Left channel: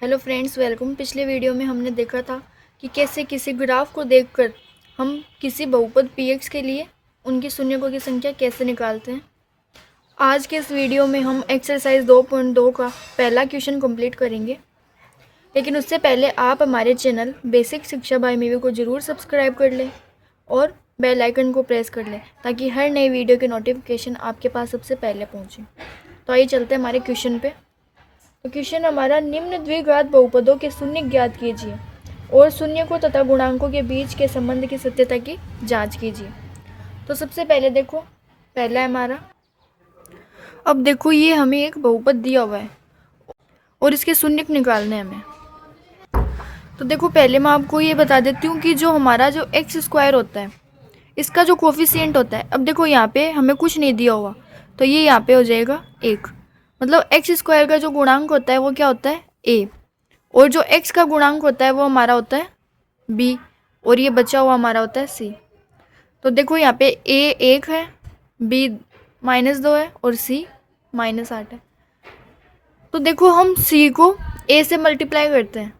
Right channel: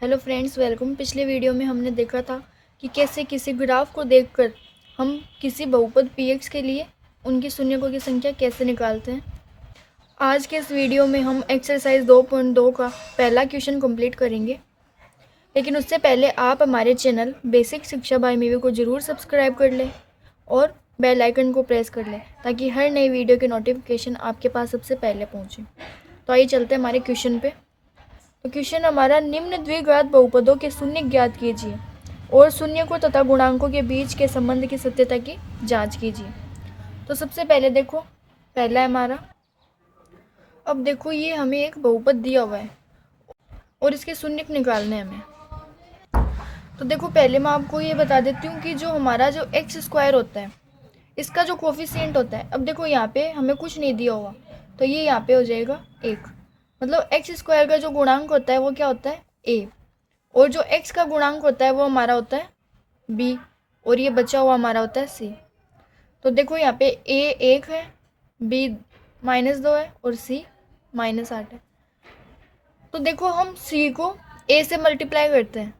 Hello friends, welcome. पिछले video में हमने देखा था कि कैसे किसी ग्राफ को देखकर हम किसी बहुपद px के लिए उनकी शून्यकों की संख्या कैसे निकालते हैं। आज के इस वीडियो में हम एक्सरसाइज 2.2 का पहला क्वेश्चन कंप्लीट करेंगे, लेकिन उससे पहले आप हमारे चैनल बेसिक शिक्षा बाय मीवी को ज़रूर सब्सक्राइब कर लें और बेल आइकन को प्रेस कर लें ताकि हर नई वीडियो के नोटिफिकेशन आपके पास सबसे पहले पहुँचे। तो आइए चलते हैं हमारे क्वेश्चन पे। तो क्वेश्चन हमारा, निम्न द्विघात बहुपदों के शून्य ज्ञात कीजिए और शून्यकों तथा गुणांकों के बीच के संबंध की सत्यता की जांच कीजिए। तो सबसे पहले देखो, पहला है हमारा, अब देखो ये हमें एक बहुपद दिया हुआ है और इसके शून्यक निकालने हैं हमें। तो देखो पहले मैं आपको ये बता देती हूँ कि जो हमारा जो एक्स स्क्वायर होता है इसका जो कोफिशिएंट होता है, अब देखो यहाँ पे हमें कुछ नहीं दिया हुआ तो ये यहाँ पे हो जाएगा 1। मतलब एक्स स्क्वायर का जो गुणांक होता है वो क्या होता है, a, और जो x का गुणांक होता है वो हमारा होता है b, और ये बचा हुआ हमारा होता है c। तो देखो यहाँ पे a 1 है, b -2 है और c -8 है। तो देखो हम c को a से मल्टीप्लाई करते हैं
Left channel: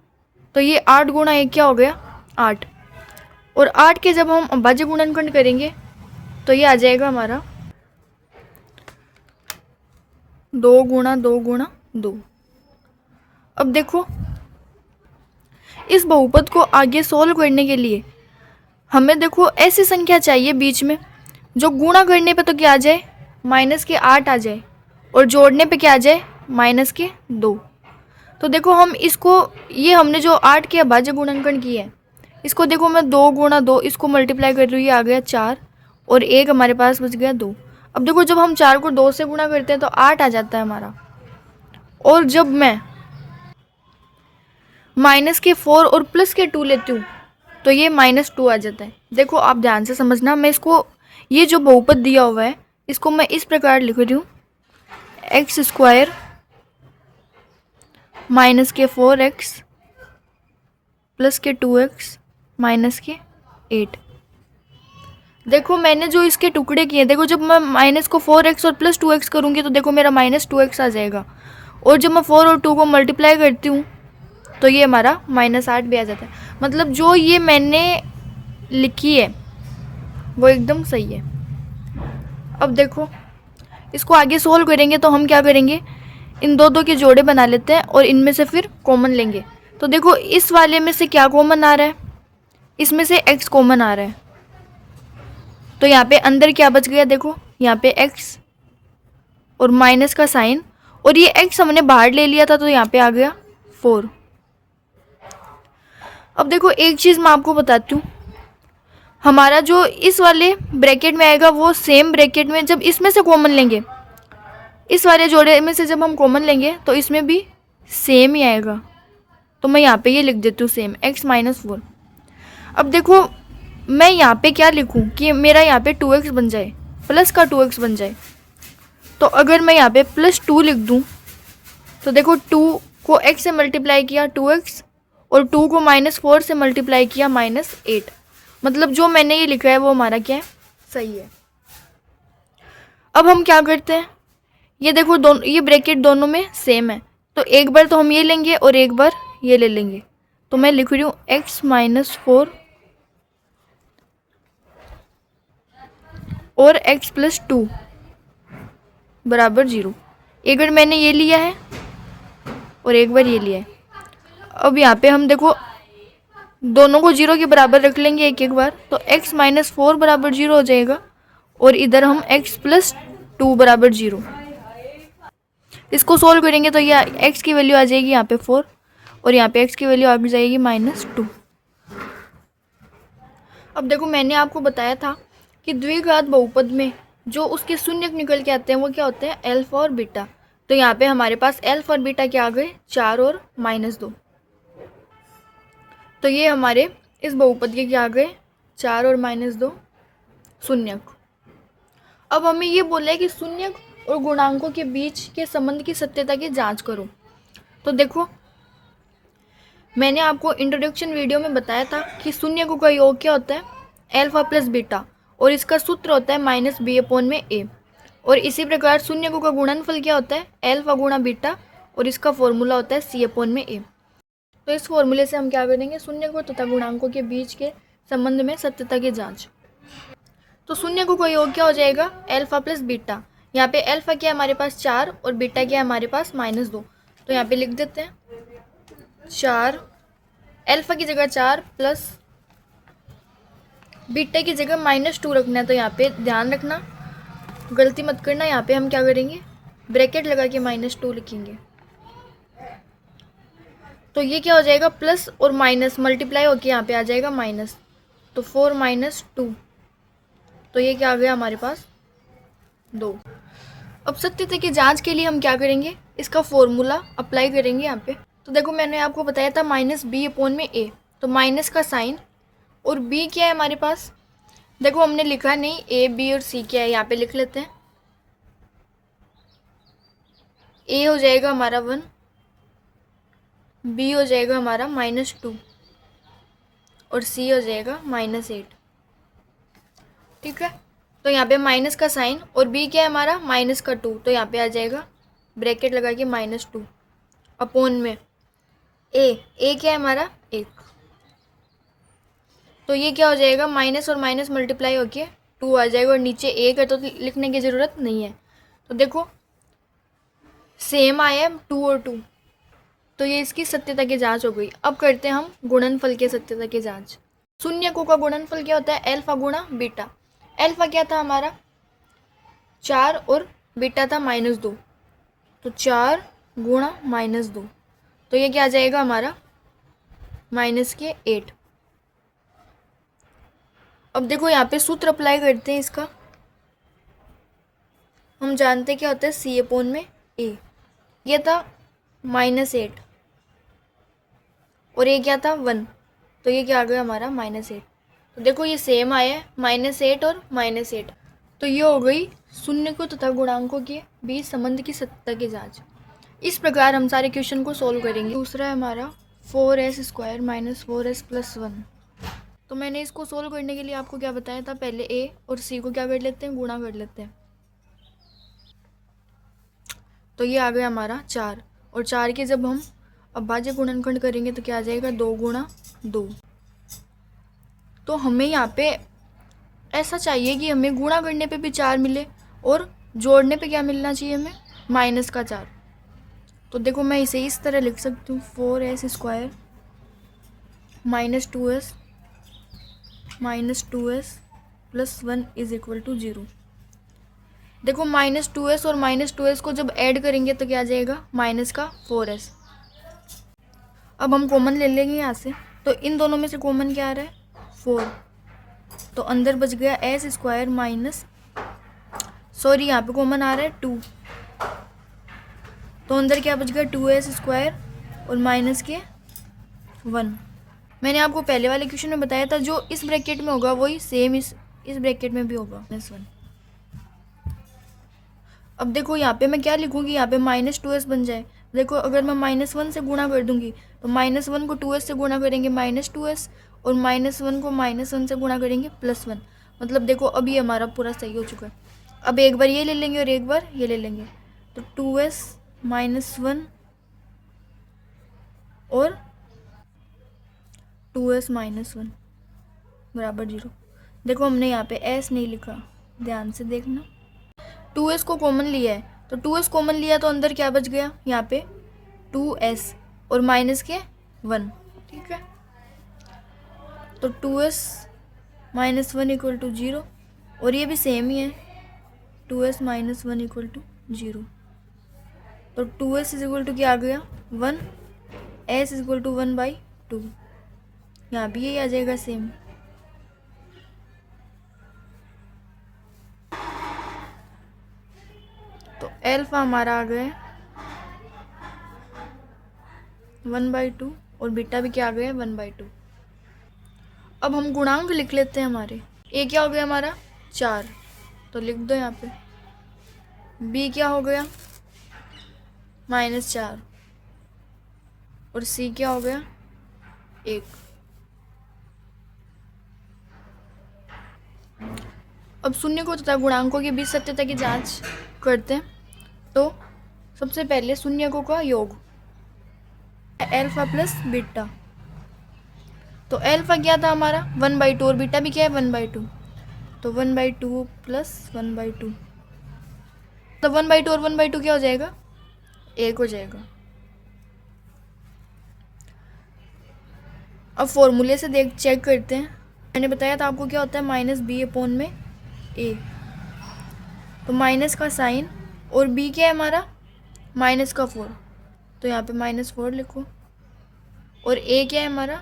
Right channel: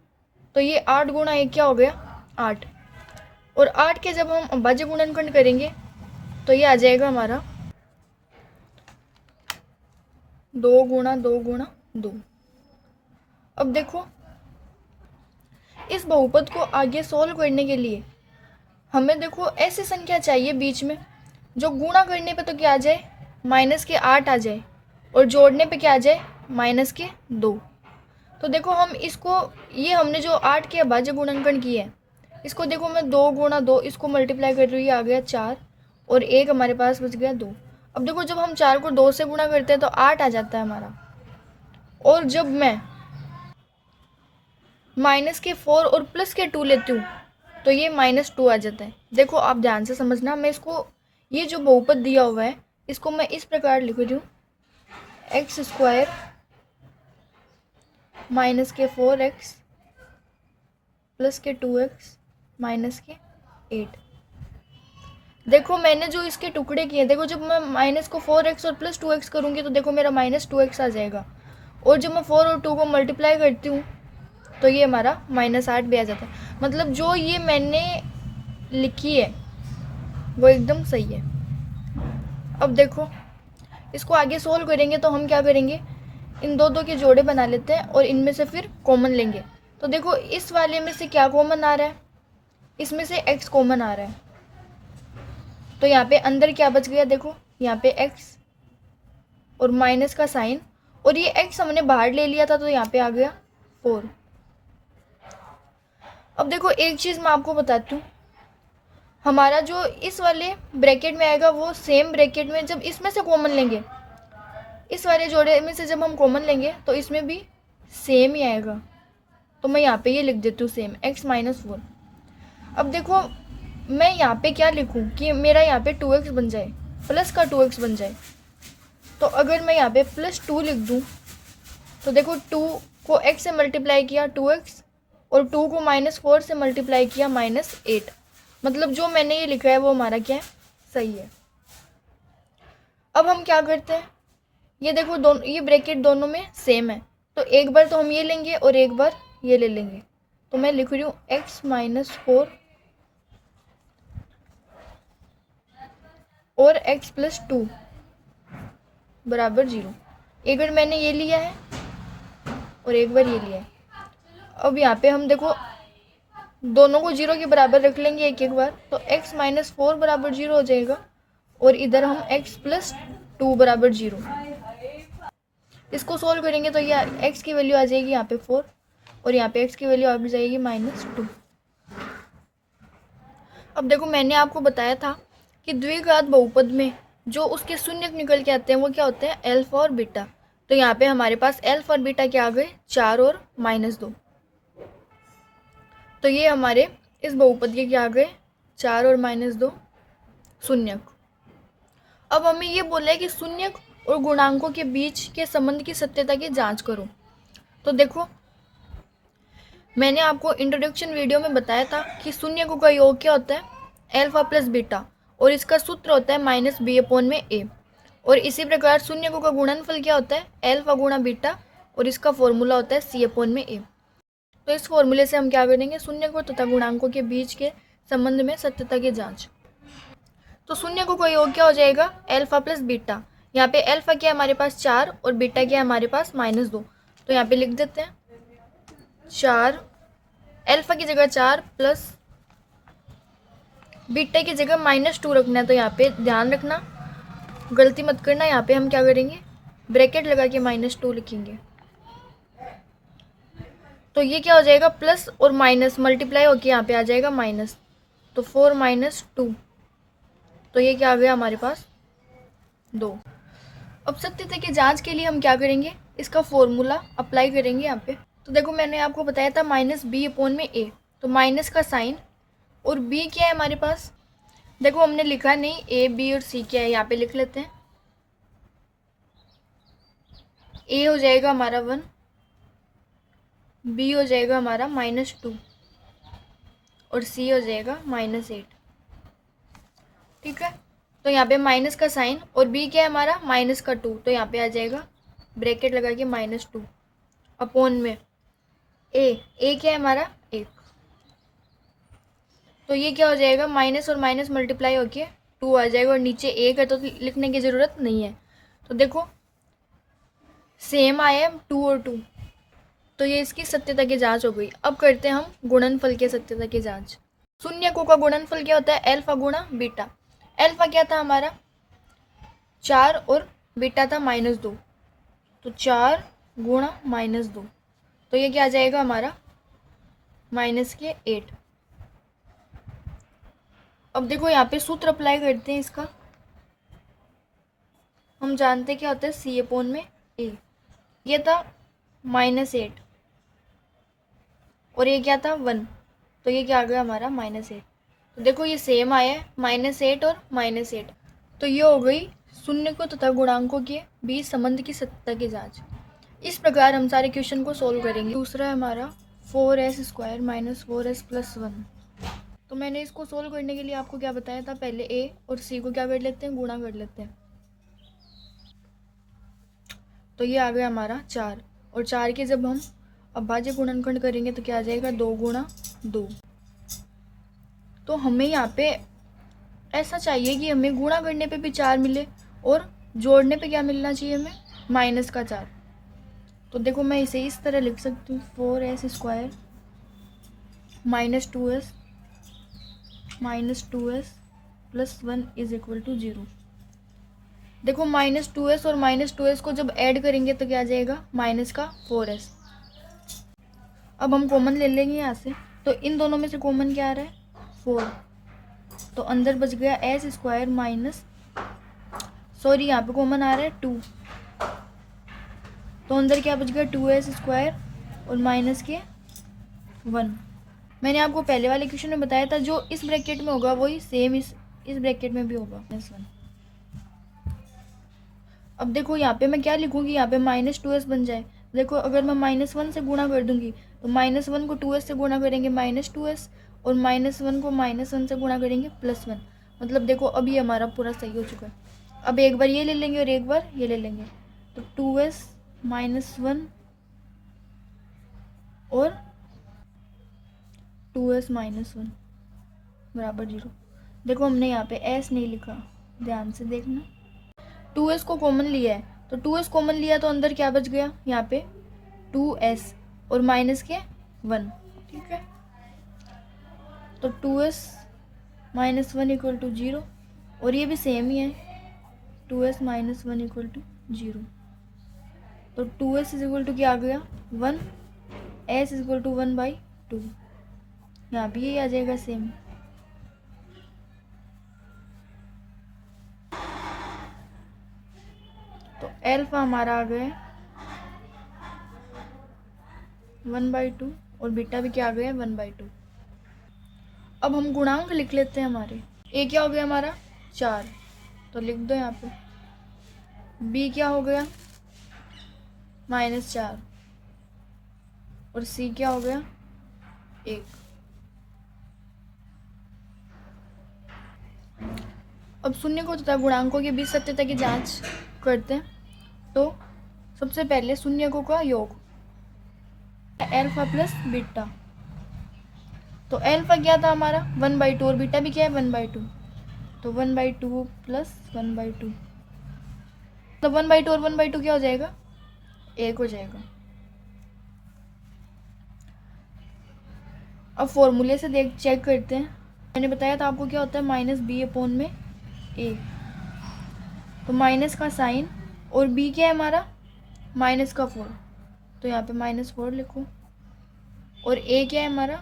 तो ये 8 गुणा 1 क्या हो गया, 8, और 8 के जब हम अभाज्य गुणनखंड करेंगे तो ये आ जाएगा हमारा 2 गुणा 2 गुणा 2। अब देखो इस बहुपद को आगे सोल्व करने के लिए हमें देखो ऐसी संख्या चाहिए बीच में जो गुणा करने पे तो क्या आ जाए, -8 आ जाए, और जोड़ने पे क्या आ जाए, -2। तो देखो हम इसको, ये हमने जो 8 के अभाज्य गुणनखंड किया है इसको देखो मैं 2 गुणा 2 इसको मल्टीप्लाई कर रही हूँ, आ गया 4 और 1 हमारे पास बच गया 2। अब देखो जब हम 4 को 2 से गुणा करते हैं तो 8 आ जाता है हमारा, और जब मैं -4 और +2 लेती हूँ तो ये -2 आ जाता है। देखो आप ध्यान से समझना, मैं इसको, ये जो बहुपद दिया हुआ है इसको मैं इस प्रकार लिख रही हूँ, x² -4x +2x -8। देखो मैंने जो इसके टुकड़े किए, देखो जब मैं माइनस को 4x और +2x करूँगी तो देखो मेरा -2x आ जाएगा, और जब मैं 4 और 2 को मल्टीप्लाई करती हूँ तो ये हमारा -8 भी आ जाता है। मतलब जो ये मैंने लिखी है वो एकदम सही है। अब देखो इसको आगे सोल्व करेंगे तो हम क्या करेंगे, इन दो के जोड़े बना लेते हैं और इनमें से फिर कॉमन लेंगे। तो देखो इस वाले में से क्या कॉमन आ रहा है, इसमें से x कॉमन आ रहा है, तो यहाँ पे अंदर क्या बच गया, देखो यहाँ पे x और माइनस का साइन, और ये x हमने बाहर ले लिया था तो यहाँ पे आ गया 4। अब देखो एक चीज़ मैं आपको बताती हूँ, हमारा जो इस वाले ब्रैकेट में आएगा वो सेम ब्रैकेट में जब इसमें से कॉमन लेंगे, इस वाले जोड़े में से जब हम कॉमन लेंगे तो इसमें भी सेम ही आएगा। तो मैं यहाँ पे ये लिख देती हूँ सेम x -4। अब देखो मैं यहाँ पे क्या लिखूँ कि मेरा यहाँ पे 2x बन जाए, प्लस का 2x बन जाए। तो अगर मैं यहाँ पे +2 लिख दूँ तो देखो 2 को x से मल्टीप्लाई किया 2x, और 2 को -4 से मल्टीप्लाई किया -8। मतलब जो मैंने ये लिखा है वो हमारा क्या है, सही है। अब हम क्या करते हैं, ये देखो दोनों, ये ब्रैकेट दोनों में सेम है तो एक बार तो हम ये लेंगे और एक बार ये ले लेंगे। तो मैं लिख रही हूँ x -4 और x +2 बराबर 0। एक बार मैंने ये लिया है और एक बार ये लिया है। अब यहाँ पे हम देखो दोनों को 0 के बराबर रख लेंगे एक एक बार, तो x -4 बराबर 0 हो जाएगा, और इधर हम x +2 बराबर 0। इसको सोल्व करेंगे तो ये x की वैल्यू आ जाएगी यहाँ पे 4 और यहाँ पे x की वैल्यू आ जाएगी -2। अब देखो मैंने आपको बताया था कि द्विघात बहुपद में जो उसके शून्यक निकल के आते हैं वो क्या होते हैं, अल्फा और बीटा। तो यहाँ पे हमारे पास अल्फा और बीटा क्या आ गए, 4 और -2। तो ये हमारे इस बहुपद के क्या आ गए, 4 और -2 शून्यक। अब हमें ये बोला है कि शून्यक और गुणांकों के बीच के संबंध की सत्यता की जांच करो। तो देखो मैंने आपको इंट्रोडक्शन वीडियो में बताया था कि शून्यकों का योग क्या होता है, अल्फा प्लस बीटा, और इसका सूत्र होता है -b/a। और इसी प्रकार शून्यकों का गुणनफल क्या होता है, अल्फा गुणा बीटा, और इसका फॉर्मूला होता है c/a। तो इस फॉर्मूले से हम क्या करेंगे, शून्यकों तथा गुणांकों के बीच के संबंध में सत्यता की जांच। तो शून्यकों का योग क्या हो जाएगा, अल्फा प्लस बीटा। यहाँ पे अल्फा क्या है हमारे पास 4 और बीटा क्या है हमारे पास -2। तो यहाँ पे लिख देते हैं 4, अल्फा की जगह 4 प्लस बीटा की जगह -2 रखना है। तो यहाँ पे ध्यान रखना, गलती मत करना। यहाँ पे हम क्या करेंगे, ब्रैकेट लगा के -2 लिखेंगे। तो ये क्या हो जाएगा, प्लस और माइनस मल्टीप्लाई होके यहाँ पे आ जाएगा माइनस। तो 4 - 2, तो ये क्या आ गया हमारे पास 2। अब सत्यता की जांच के लिए हम क्या करेंगे, इसका फॉर्मूला अप्लाई करेंगे यहाँ पे। तो देखो मैंने आपको बताया था -b/a, तो माइनस का साइन और b क्या है हमारे पास, देखो हमने लिखा नहीं a b और c क्या है, यहाँ पे लिख लेते हैं। a हो जाएगा हमारा 1, b हो जाएगा हमारा -2 और c हो जाएगा -8। ठीक है, तो यहाँ पे माइनस का साइन और b क्या है हमारा -2, तो यहाँ पे आ जाएगा ब्रैकेट लगा के -2 अपॉन में a क्या है हमारा 1। तो ये क्या हो जाएगा, माइनस और माइनस मल्टीप्लाई होके 2 आ जाएगा और नीचे 1 है तो लिखने की ज़रूरत नहीं है। तो देखो सेम आया 2 और 2, तो ये इसकी सत्यता की जांच हो गई। अब करते हैं हम गुणनफल के सत्यता की जांच। शून्यकों का गुणनफल क्या होता है, अल्फा गुणा बीटा। अल्फा क्या था हमारा 4 और बीटा था -2, तो 4 गुणा -2, तो ये क्या आ जाएगा हमारा -8। अब देखो यहाँ पे सूत्र अप्लाई करते हैं इसका। हम जानते क्या होता है C/A। ये था -8 और ये क्या था 1, तो ये क्या आ गया हमारा -8। तो देखो ये सेम आया है -8 और -8। तो ये हो गई शून्यकों तथा गुणांकों के बीच संबंध की सत्यता की जांच। इस प्रकार हम सारे क्वेश्चन को सोल्व करेंगे। दूसरा है हमारा 4s² - 4s + 1। तो मैंने इसको सोल्व करने के लिए आपको क्या बताया था, पहले a और c को क्या कर लेते हैं, गुणा कर लेते हैं। तो ये आ गया हमारा 4 और 4 के जब हम अभाज्य गुणनखंड करेंगे तो क्या आ जाएगा 2 गुणा 2। तो हमें यहाँ पे ऐसा चाहिए कि हमें गुणा करने पे भी 4 मिले और जोड़ने पे क्या मिलना चाहिए हमें, -4। तो देखो मैं इसे इस तरह लिख सकती हूँ 4s² - 2s + 1 = 0। देखो -2s और -2s को जब ऐड करेंगे तो क्या आ जाएगा, -4s। अब हम कॉमन ले लेंगे यहाँ से, तो इन दोनों में से कॉमन क्या आ रहा है 4, तो अंदर बच गया यहाँ पे कॉमन आ रहा है 2, तो अंदर क्या बच गया 2s² और माइनस के 1। मैंने आपको पहले वाले क्वेश्चन में बताया था जो इस ब्रैकेट में होगा वही सेम इस ब्रैकेट में भी होगा -1। अब देखो यहाँ पे मैं क्या लिखूँगी, यहाँ पे -2s बन जाए। देखो अगर मैं -1 से गुणा कर दूंगी तो -1 को 2s से गुणा करेंगे -2s और -1 को -1 से गुणा करेंगे +1। मतलब देखो अब ये हमारा पूरा सही हो चुका है। अब एक बार ये ले लेंगे और एक बार ये ले लेंगे, तो 2s - 1 और 2s - 1 बराबर 0। देखो हमने यहाँ पे s नहीं लिखा, ध्यान से देखना। 2s को कॉमन लिया है, तो 2s कॉमन लिया तो अंदर क्या बच गया यहाँ पे 2s और माइनस के 1। ठीक है, तो 2s - 1 = 0 और ये भी सेम ही है 2s - 1 = 0। तो 2s = क्या आ गया 1, s = 1/2। यहाँ भी यही आ जाएगा सेम। तो अल्फा हमारा आ गया 1/2 और बीटा भी क्या आ गया 1/2। अब हम गुणांक लिख लेते हैं हमारे। ए क्या हो गया हमारा 4, तो लिख दो यहाँ पे। बी क्या हो गया -4 और सी क्या हो गया 1। अब शून्यकों तथा गुणांकों के बीच सत्यता की जांच करते हैं। तो सबसे पहले शून्यकों का योग, एल्फा प्लस बीटा। तो एल्फा क्या था हमारा 1/2 और बीटा भी क्या है 1/2। तो 1/2 प्लस 1/2, तो 1/2 और 1/2 क्या हो जाएगा, 1 हो जाएगा। अब फॉर्मूले से देख चेक करते हैं। मैंने बताया था आपको क्या होता है -b/a। तो माइनस का साइन और b क्या है हमारा -4, तो यहाँ पे -4 लिखो। और a क्या है हमारा,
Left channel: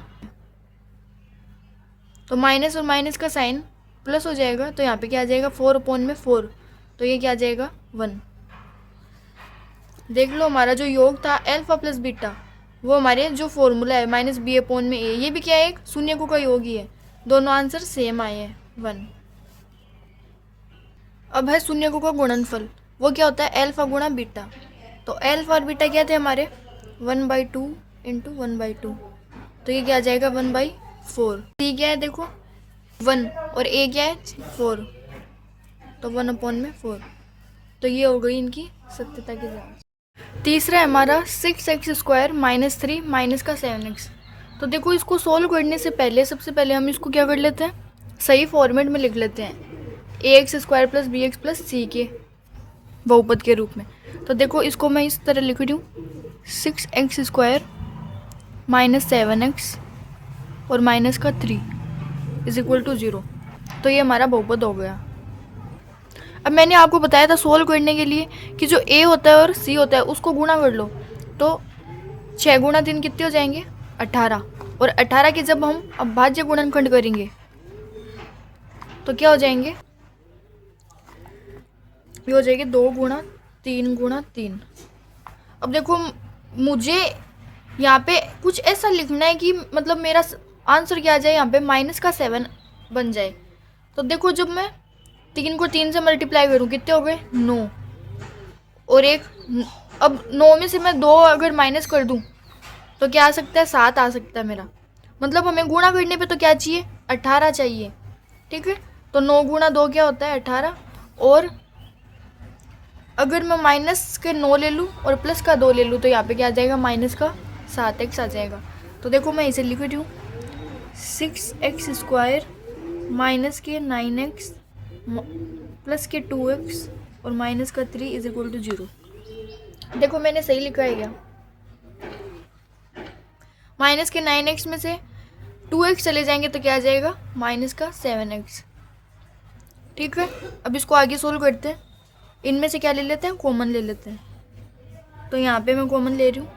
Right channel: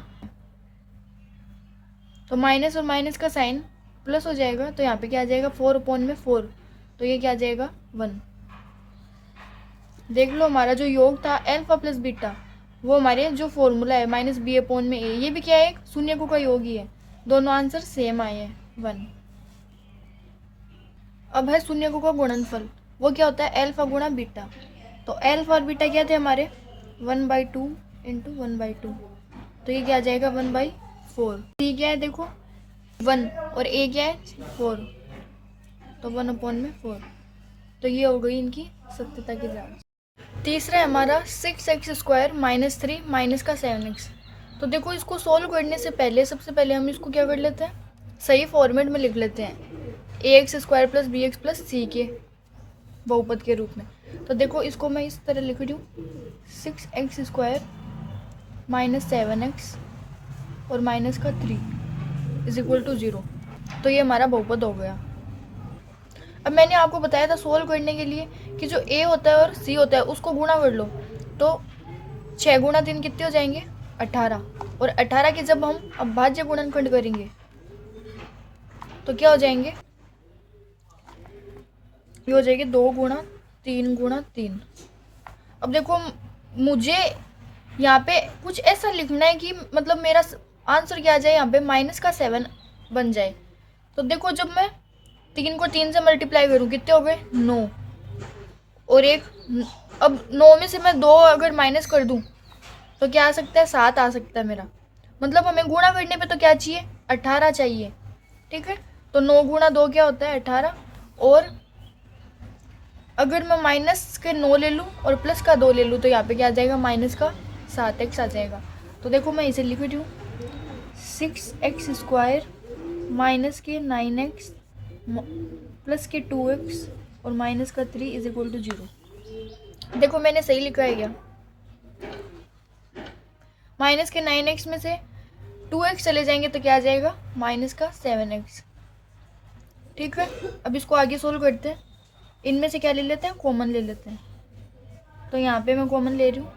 तो माइनस और माइनस का साइन प्लस हो जाएगा, तो यहाँ पे क्या आ जाएगा 4/4, तो ये क्या आ जाएगा 1। देख लो हमारा जो योग था एल्फा प्लस बीटा, वो हमारे जो फॉर्मूला है -b/a, ये भी क्या है एक शून्यकों का योग ही है। दोनों आंसर सेम आए हैं 1। अब है शून्यकों का गुणनफल, वो क्या होता है एल्फा गुणा बीटा। तो एल्फा और बीटा क्या थे हमारे 1/2 इंटू 1/2, तो ये क्या आ जाएगा 1/4। सी क्या है देखो 1 और ए क्या है 4, तो 1/4। तो ये हो गई इनकी सत्यता की जांच। तीसरा है हमारा 6x² - 3 माइनस का 7x। तो देखो इसको सोल्व करने से पहले सबसे पहले हम इसको क्या कर लेते हैं, सही फॉर्मेट में लिख लेते हैं ax² plus bx plus c के बहुपद के रूप में। तो देखो इसको मैं इस तरह लिख रही हूँ 6x² - 7x और माइनस का 3 = 0। तो ये हमारा बहुपद हो गया। अब मैंने आपको बताया था सोल्व करने के लिए कि जो a होता है और c होता है उसको गुणा कर लो, तो 6 × 3 कितने हो जाएंगे 18। और 18 के जब हम अभाज्य गुणनखंड करेंगे तो क्या हो जाएंगे, ये हो जाएगी 2 × 3 × 3। अब देखो मुझे यहाँ पे कुछ ऐसा लिखना है कि मतलब मेरा आंसर क्या आ जाए, यहाँ पे -7 बन जाए। तो देखो जब मैं 3 को 3 से मल्टीप्लाई करूँ कितने हो गए 9, और एक अब 9 में से मैं 2 अगर माइनस कर दूँ तो क्या आ सकता है 7 आ सकता है मेरा। मतलब हमें गुणा करने पे तो क्या चाहिए 18 चाहिए, ठीक है। तो 9 × 2 क्या होता है 18, और अगर मैं माइनस के 9 ले लूँ और प्लस का 2 ले लूँ तो यहाँ पे क्या आ जाएगा माइनस का 7x आ जाएगा। तो देखो मैं इसे लिख रही हूँ 6x² माइनस के 9x प्लस के 2x और माइनस का 3 = 0। देखो मैंने सही लिखा है क्या, माइनस के 9x में से 2x चले जाएंगे तो क्या आ जाएगा माइनस का 7x, ठीक है। अब इसको आगे सोल्व करते हैं, इनमें से क्या ले लेते हैं कॉमन ले लेते हैं। तो यहाँ पे मैं कॉमन ले रही हूँ,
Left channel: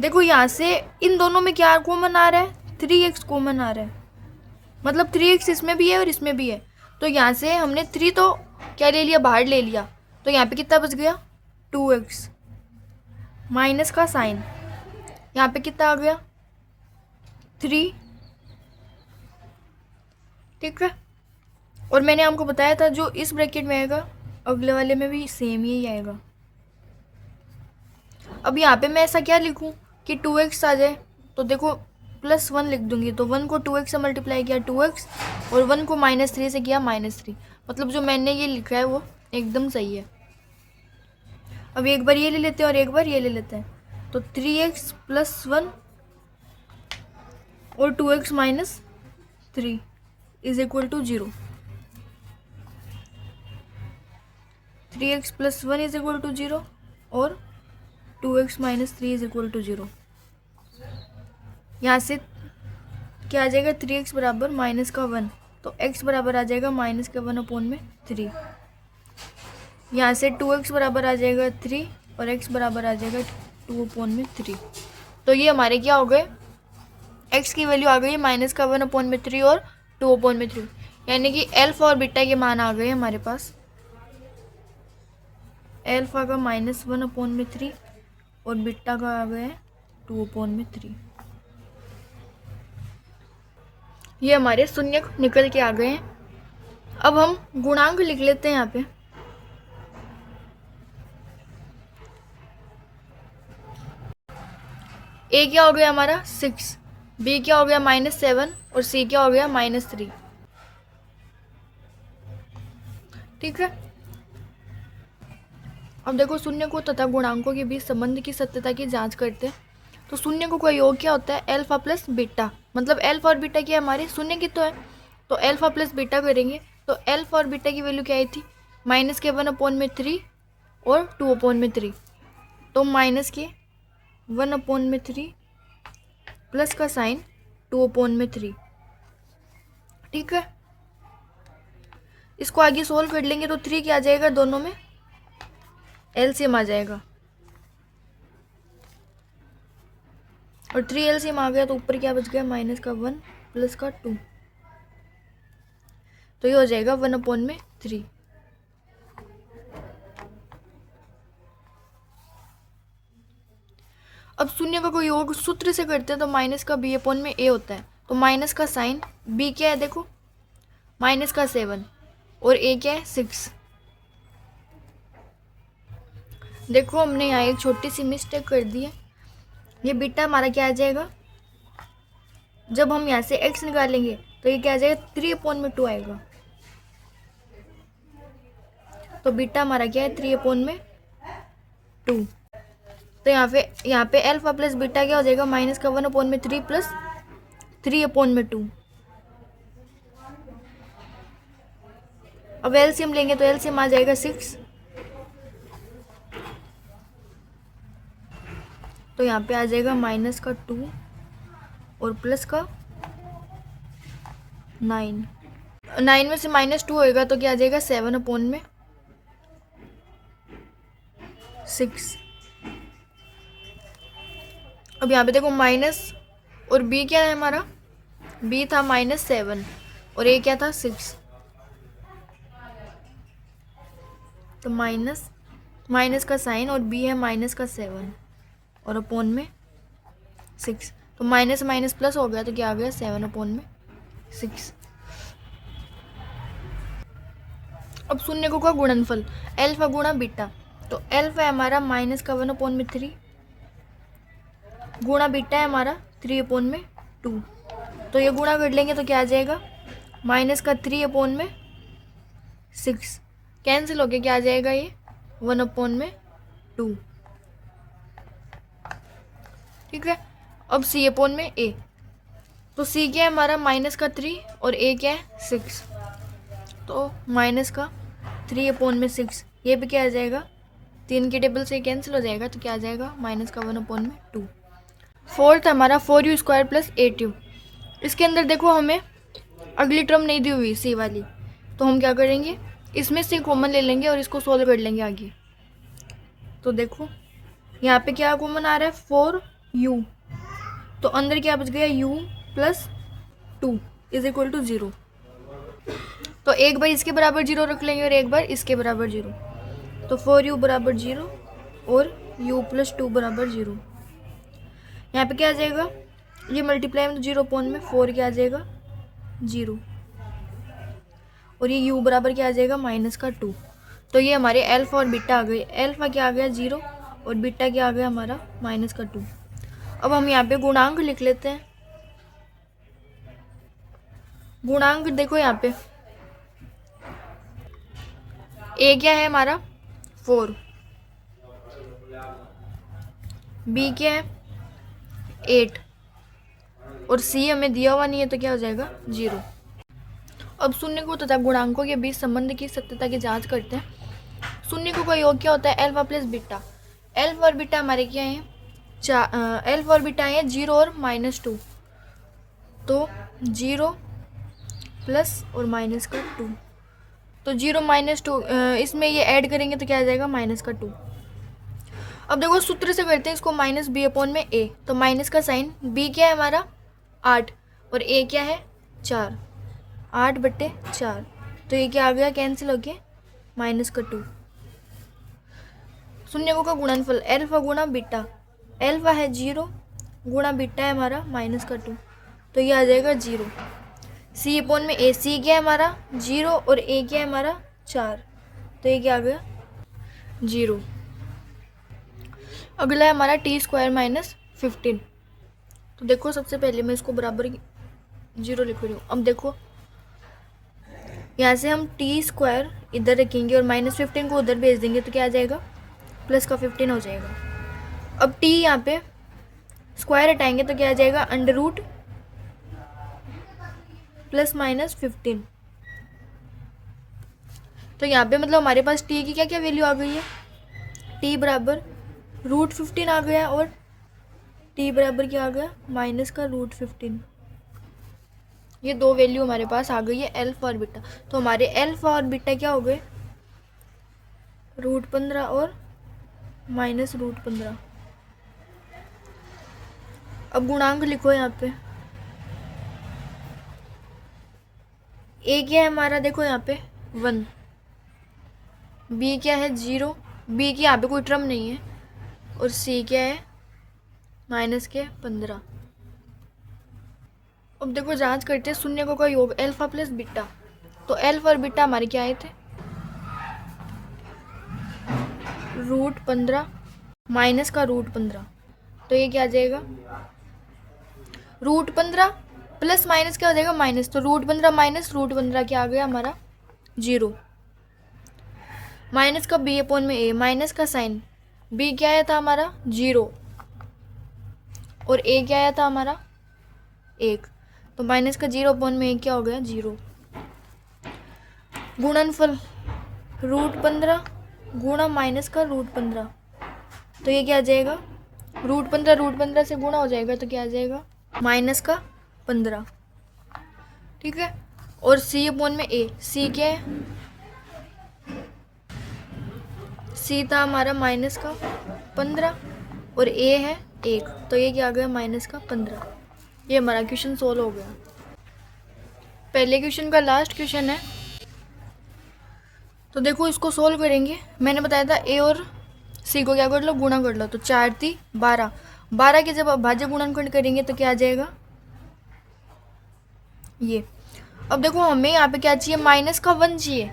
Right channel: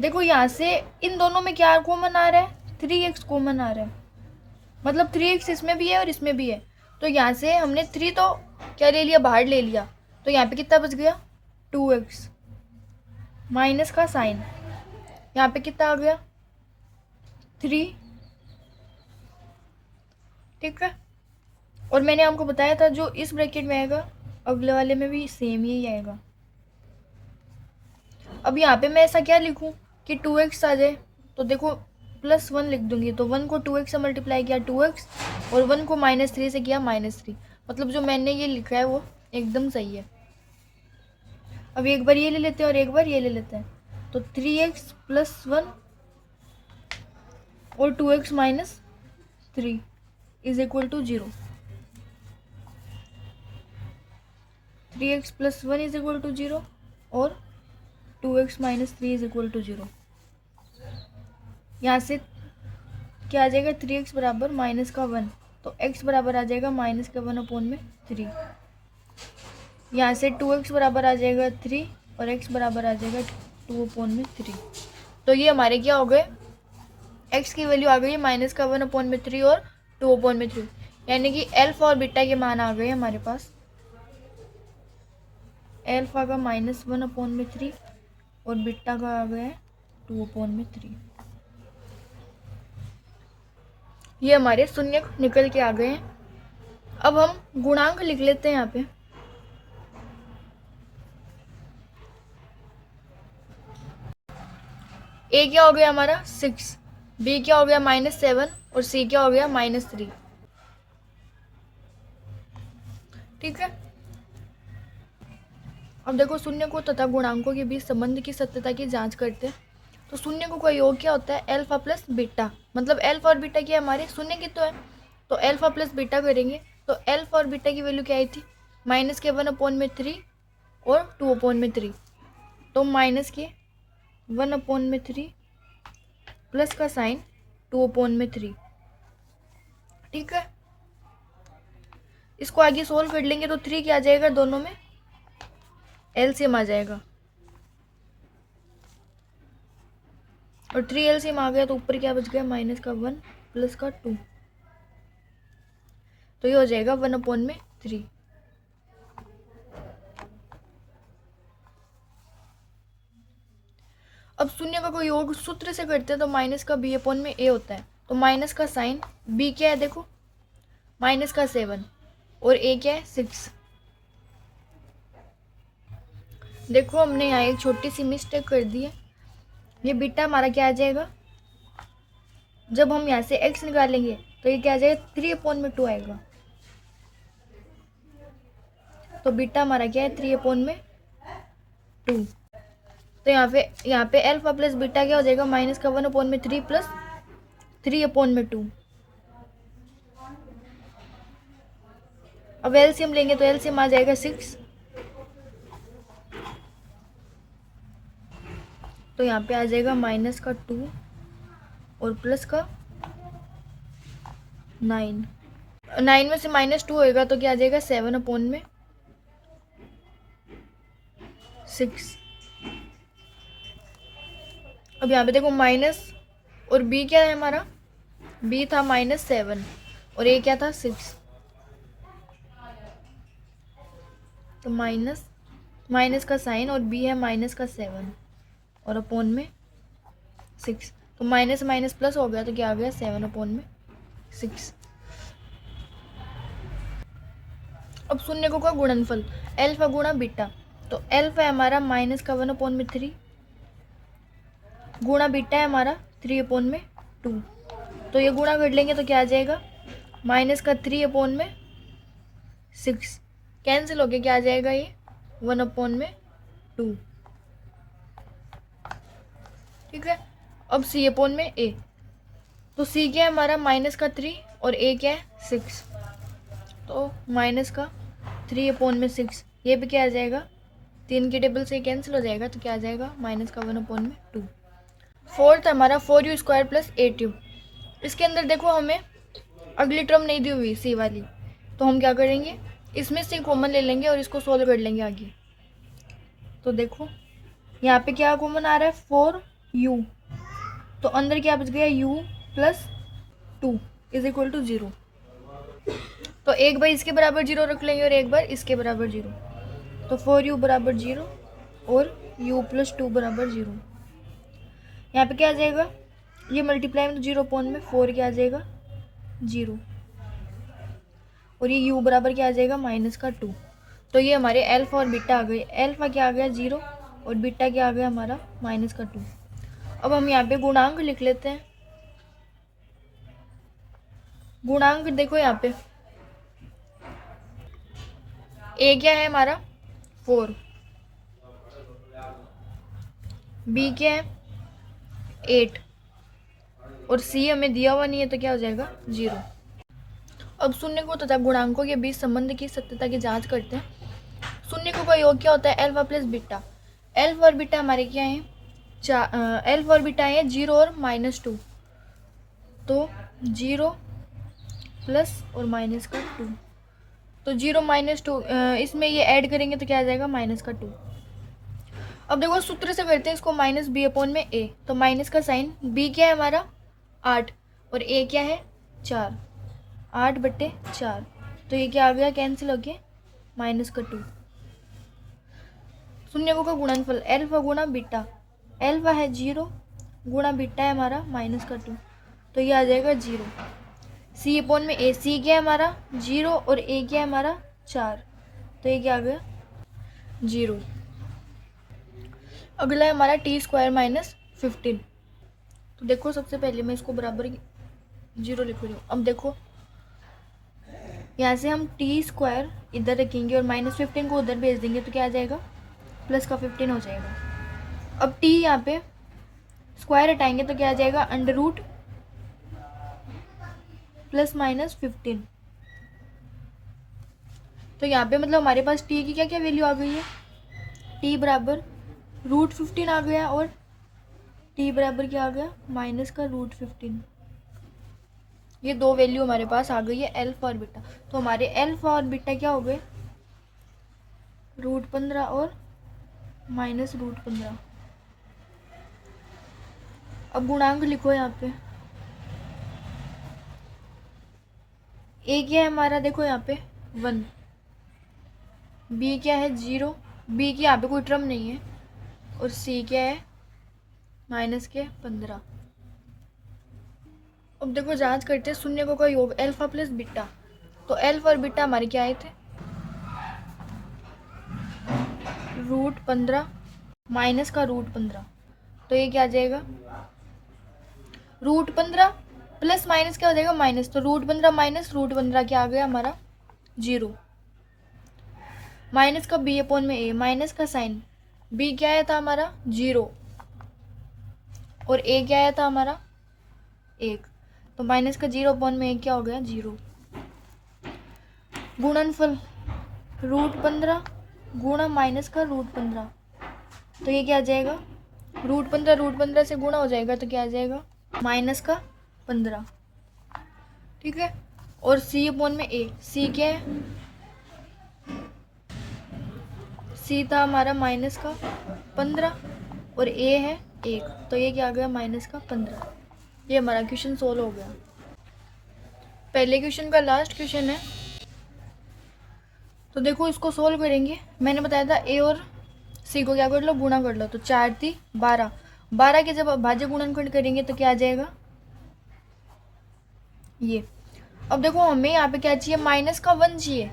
देखो यहाँ से इन दोनों में क्या कॉमन आ रहा है 3x कॉमन आ रहा है, मतलब 3x इसमें भी है और इसमें भी है। तो यहाँ से हमने 3 तो क्या ले लिया बाहर ले लिया, तो यहाँ पे कितना बच गया 2x माइनस का साइन, यहाँ पे कितना आ गया 3, ठीक है। और मैंने आपको बताया था जो इस ब्रैकेट में आएगा अगले वाले में भी सेम ही आएगा। अब यहाँ पे मैं ऐसा क्या लिखूँ कि 2x आ जाए, तो देखो +1 लिख दूंगी, तो 1 को 2x से मल्टीप्लाई किया 2x और 1 को -3 से किया -3, मतलब जो मैंने ये लिखा है वो एकदम सही है। अब एक बार ये ले लेते हैं और एक बार ये ले लेते हैं, तो 3x + 1 और 2x - 3 = 0। 3x + 1 = 0 और 2x - 3 = 0। यहाँ से क्या आ जाएगा 3x बराबर -1, तो x बराबर आ जाएगा -1/3। यहाँ से 2x बराबर आ जाएगा 3 और x बराबर आ जाएगा 2/3। तो ये हमारे क्या हो गए, x की वैल्यू आ गई -1/3 और 2/3, यानी कि एल्फा और बीटा के मान आ गए हमारे पास। एल्फा का -1/3 और बीटा का आ गया 2/3। ये हमारे शून्य निकल के आ गए हैं। अब हम गुणांक लिख लेते हैं यहाँ पे। ए क्या हो गया हमारा 6, बी क्या हो गया -7 और सी क्या हो गया -3, ठीक है। अब देखो शून्य को तथा गुणांकों के बीच संबंध की सत्यता की जांच करते हैं। तो शून्य का योग क्या होता है, अल्फा प्लस बीटा, मतलब अल्फा और बीटा क्या हमारे शून्य की तो है, तो अल्फा प्लस बीटा करेंगे तो अल्फा और बीटा की वैल्यू क्या आई थी, माइनस के 1/3 और 2/3, तो माइनस के 1/3 प्लस का साइन 2/3। ठीक है, इसको आगे सोल्व कर लेंगे तो 3 क्या आ जाएगा, दोनों में एलसीएम आ जाएगा, और 3 एलसीएम आ गया तो ऊपर क्या बच गया, माइनस का 1 प्लस का 2, तो ये हो जाएगा 1/3। अब शून्य का कोई योग सूत्र से करते हैं तो माइनस का b/a होता है, तो माइनस का साइन b क्या है, देखो माइनस का 7 और a क्या है 6। देखो हमने यहाँ एक छोटी सी मिस्टेक कर दी है, ये बीटा हमारा क्या आ जाएगा, जब हम यहाँ से x निकालेंगे तो ये क्या आ जाएगा, 3/2 आएगा, तो बीटा हमारा क्या है 3/2। तो यहाँ पे अल्फा प्लस बीटा क्या हो जाएगा, माइनस का 1/3 प्लस 3/2। अब एलसीएम लेंगे तो एलसीएम आ जाएगा 6, तो यहाँ पे आ जाएगा माइनस का 2 और प्लस का 9, 9 में से -2 होएगा तो क्या आ जाएगा 7/6। अब यहाँ पे देखो माइनस और b क्या है हमारा, b था -7 और a क्या था 6, तो माइनस का साइन और b है माइनस का 7 और अपॉन में 6, तो माइनस माइनस प्लस हो गया तो क्या आ गया 7/6। अब शून्य को का गुणनफल अल्फा गुणा बीटा, तो अल्फा है हमारा माइनस का 1/3 गुणा बीटा है हमारा 3/2, तो ये गुणा कर लेंगे तो क्या आ जाएगा, माइनस का 3/6 कैंसिल हो गया, क्या आ जाएगा ये 1/2। ठीक है, अब c/a, तो c क्या है हमारा माइनस का 3 और a क्या है 6, तो माइनस का 3/6, ये भी क्या आ जाएगा, 3 की टेबल से कैंसिल हो जाएगा, तो क्या आ जाएगा माइनस का 1/2। फोर्थ हमारा 4u² प्लस 8u, इसके अंदर देखो हमें अगली टर्म नहीं दी हुई सी वाली, तो हम क्या करेंगे, इसमें से कॉमन ले लेंगे और इसको सोल्व कर लेंगे आगे। तो देखो यहाँ पे क्या कॉमन आ रहा है 4u, तो अंदर क्या बच गया u plus 2 is equal to 0, तो एक बार इसके बराबर 0 रख लेंगे और एक बार इसके बराबर 0, तो 4u बराबर 0 और u प्लस 2 बराबर 0। यहाँ पे क्या आ जाएगा, ये मल्टीप्लाई में 0 में 4 क्या आ जाएगा 0, और ये u बराबर क्या आ जाएगा माइनस का 2, तो ये हमारे अल्फा और बीटा आ गए, अल्फा क्या आ गया 0 और बीटा क्या आ गया हमारा माइनस का 2। अब हम यहाँ पे गुणांक लिख लेते हैं, गुणांक देखो यहाँ पे a क्या है हमारा 4, b क्या है 8 और c हमें दिया हुआ नहीं है तो क्या हो जाएगा 0। अब शून्य को तथा गुणांकों के बीच संबंध की सत्यता की जांच करते हैं। शून्य को का योग क्या होता है, अल्फा प्लस बीटा, अल्फा और बीटा हमारे क्या है, अल्फा और बीटा है 0 और -2, तो 0 प्लस और माइनस का 2, तो 0 -2 इसमें ये ऐड करेंगे तो क्या आ जाएगा माइनस का 2। अब देखो सूत्र से करते हैं इसको, माइनस b/a, तो माइनस का साइन b क्या है हमारा 8 और a क्या है 4, 8/4, तो ये क्या आ गया कैंसिल हो गया माइनस का 2। शून्य का गुणनफल अल्फा गुणा बीटा, अल्फा है 0 गुणा बीटा है हमारा माइनस का 2, तो ये आ जाएगा 0। c/a, c क्या है हमारा 0 और a क्या है हमारा 4, तो ये क्या आ गया 0। अगला है हमारा t² - 15, तो देखो सबसे पहले मैं इसको बराबर 0 लिख रही हूँ। अब देखो यहाँ से हम t² इधर रखेंगे और -15 को उधर भेज देंगे तो क्या आ जाएगा प्लस का 15 हो जाएगा। अब t यहाँ पे स्क्वायर हटाएंगे तो क्या आ जाएगा, अंडर रूट प्लस माइनस 15। तो यहाँ पे मतलब हमारे पास टी की क्या क्या वैल्यू आ गई है, टी बराबर रूट 15 आ गया और टी बराबर क्या आ गया, माइनस का रूट 15। ये दो वैल्यू हमारे पास आ गई है एल्फा और बीटा। तो हमारे एल्फा और बीटा क्या हो गए, रूट 15 और माइनस रूट 15। अब गुणांक लिखो यहाँ पे, ए क्या है हमारा, देखो यहाँ पे 1, बी क्या है 0, बी की यहाँ पे कोई टर्म नहीं है, और सी क्या है माइनस के 15। अब देखो जांच करते हैं शून्यकों का योग एल्फा प्लस बीटा। तो एल्फा और बीटा हमारे क्या आए थे, रूट 15 माइनस का रूट 15। तो ये क्या आ जाएगा, रूट 15 प्लस माइनस क्या हो जाएगा, माइनस। तो रूट 15 माइनस रूट 15 क्या आ गया हमारा 0। माइनस का बी अपॉन में ए, माइनस का साइन, बी क्या आया था हमारा 0 और ए क्या आया था हमारा 1। तो माइनस का 0 अपॉन में ए क्या हो गया 0। गुणनफल रूट 15 गुणा माइनस का रूट 15। तो ये क्या आ जाएगा, रूट 15 से गुणा हो जाएगा तो क्या आ जाएगा माइनस का 15। ठीक है। और सी अपॉन में ए, सी क्या है, सी था हमारा माइनस का 15 और ए है 1। तो ये क्या आ गया माइनस का 15। ये हमारा क्वेश्चन सोल्व हो गया। पहले क्वेश्चन का लास्ट क्वेश्चन है, तो देखो इसको सोल्व करेंगे। मैंने बताया था ए और सी को क्या कर लो, गुणा कर लो। तो 4 × 3 = 12, 12 के जब भाज्य गुणनखंड करेंगे तो क्या आ जाएगा ये। अब देखो हमें यहाँ पे क्या चाहिए, माइनस का 1 चाहिए,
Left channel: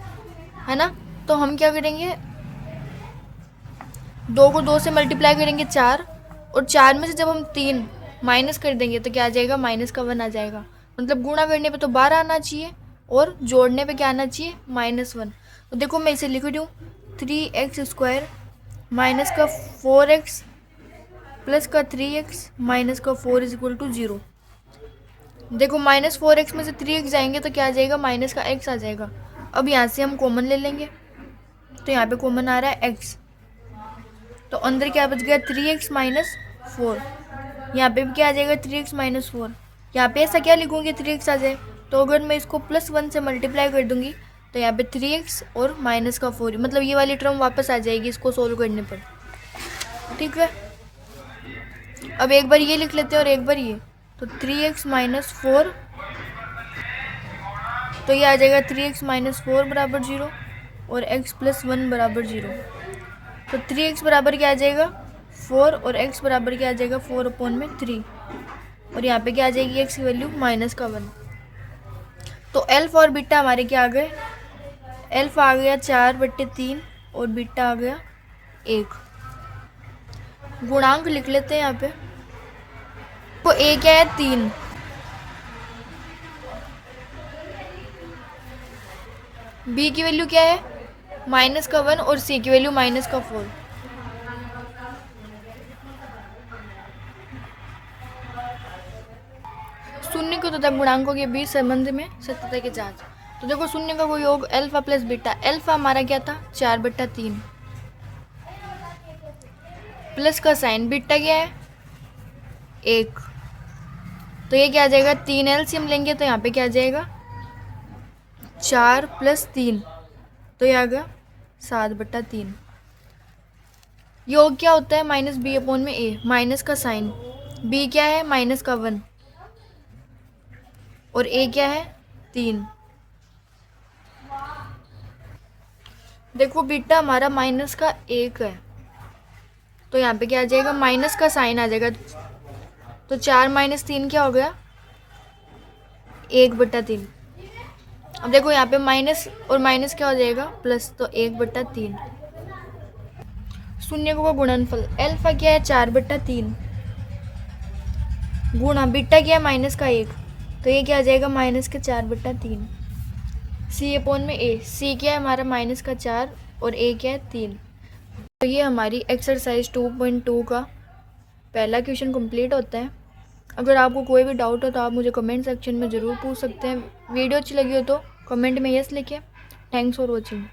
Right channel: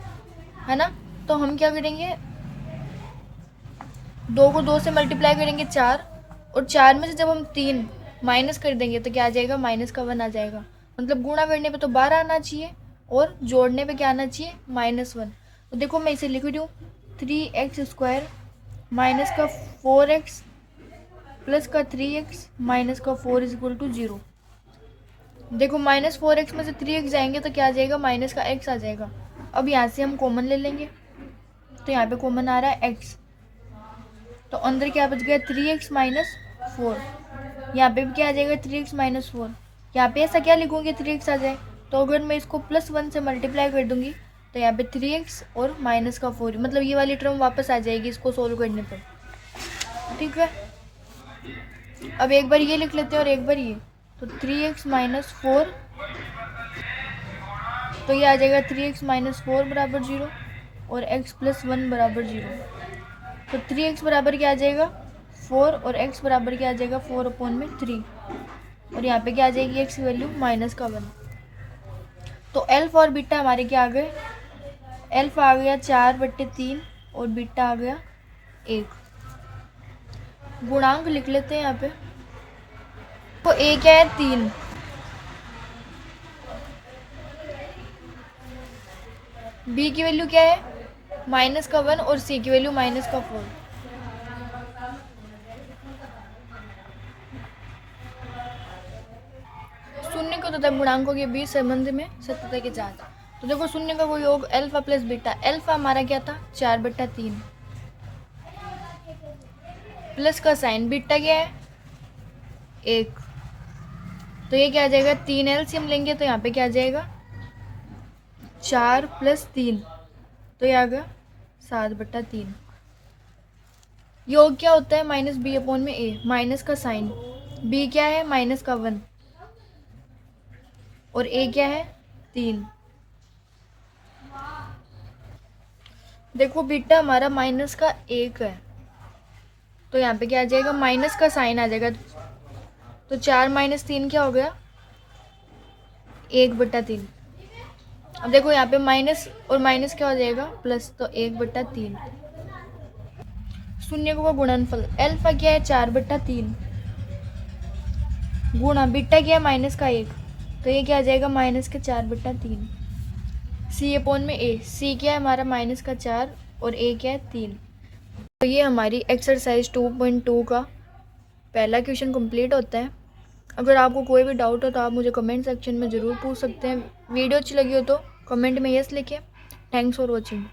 है ना। तो हम क्या करेंगे, 2 को 2 से मल्टीप्लाई करेंगे 4, और 4 में से जब हम 3 माइनस कर देंगे तो क्या आ जाएगा, माइनस का 1 आ जाएगा। मतलब गुणा करने पे तो 12 आना चाहिए और जोड़ने पे क्या आना चाहिए, -1। तो देखो मैं इसे लिख रही हूँ, 3x² माइनस का 4x प्लस का 3x माइनस का 4 = 0। देखो -4x में से 3x जाएंगे तो क्या आ जाएगा, माइनस का x आ जाएगा। अब यहाँ से हम कॉमन ले लेंगे, तो यहाँ पे कॉमन आ रहा है x, तो अंदर क्या बच गया 3x - 4। यहाँ पे भी क्या आ जाएगा 3x - 4। यहाँ पे ऐसा क्या लिखूंगी 3x आ जाए, तो अगर मैं इसको +1 से मल्टीप्लाई कर दूंगी तो यहाँ पे 3x और माइनस का 4, मतलब ये वाली टर्म वापस आ जाएगी इसको सोल्व करने पर। ठीक है। अब एक बार ये लिख लेते हैं और एक बार ये, तो 3x - 4, तो ये आ जाएगा 3x - 4 = 0 और x + 1 = 0। तो 3x बराबर क्या आ जाएगा 4 और x बराबर क्या आ जाएगा 4/3, और यहाँ पे क्या आ जाएगी x की वैल्यू -1। तो एल्फा और बीटा हमारे क्या आ गए, एल्फा आ गया 4/3 और बीटा आ गया 1। गुणांक लिख लेते हैं यहाँ पे, तो a क्या है 3, b की वैल्यू क्या है -1 और c की वैल्यू -4। शून्य को तथा गुणांकों के बीच संबंध में सत्यता की जांच। तो देखो शून्य का कोई योग एल्फा प्लस बीटा, एल्फा हमारा क्या था 4/3 प्लस का साइन, बीटा क्या है 1। तो ये क्या आ जाएगा, 3 एलसीएम लेंगे तो यहाँ पे क्या आ जाएगा 4 + 3, तो ये आ गया 7/3। योग क्या होता है -b/a, माइनस का साइन, b क्या है -1 और a क्या है 3। देखो बीटा हमारा -1 है, तो यहाँ पे क्या आ जाएगा माइनस का साइन आ जाएगा, तो 4 - 3 क्या हो गया 1/3। अब देखो यहाँ पे माइनस और माइनस क्या हो जाएगा प्लस, तो 1/3। शून्यकों का गुणनफल, एल्फा क्या है 4/3 गुणा बीटा क्या है -1, तो ये क्या आ जाएगा -4/3। c/a, c क्या है हमारा -4 और a क्या है 3। तो ये हमारी एक्सरसाइज 2.2 का पहला क्वेश्चन कंप्लीट होता है। अगर आपको कोई भी डाउट हो तो आप मुझे कमेंट सेक्शन में ज़रूर पूछ सकते हैं। वीडियो अच्छी लगी हो तो कमेंट में यस लिखिए। Thanks for watching.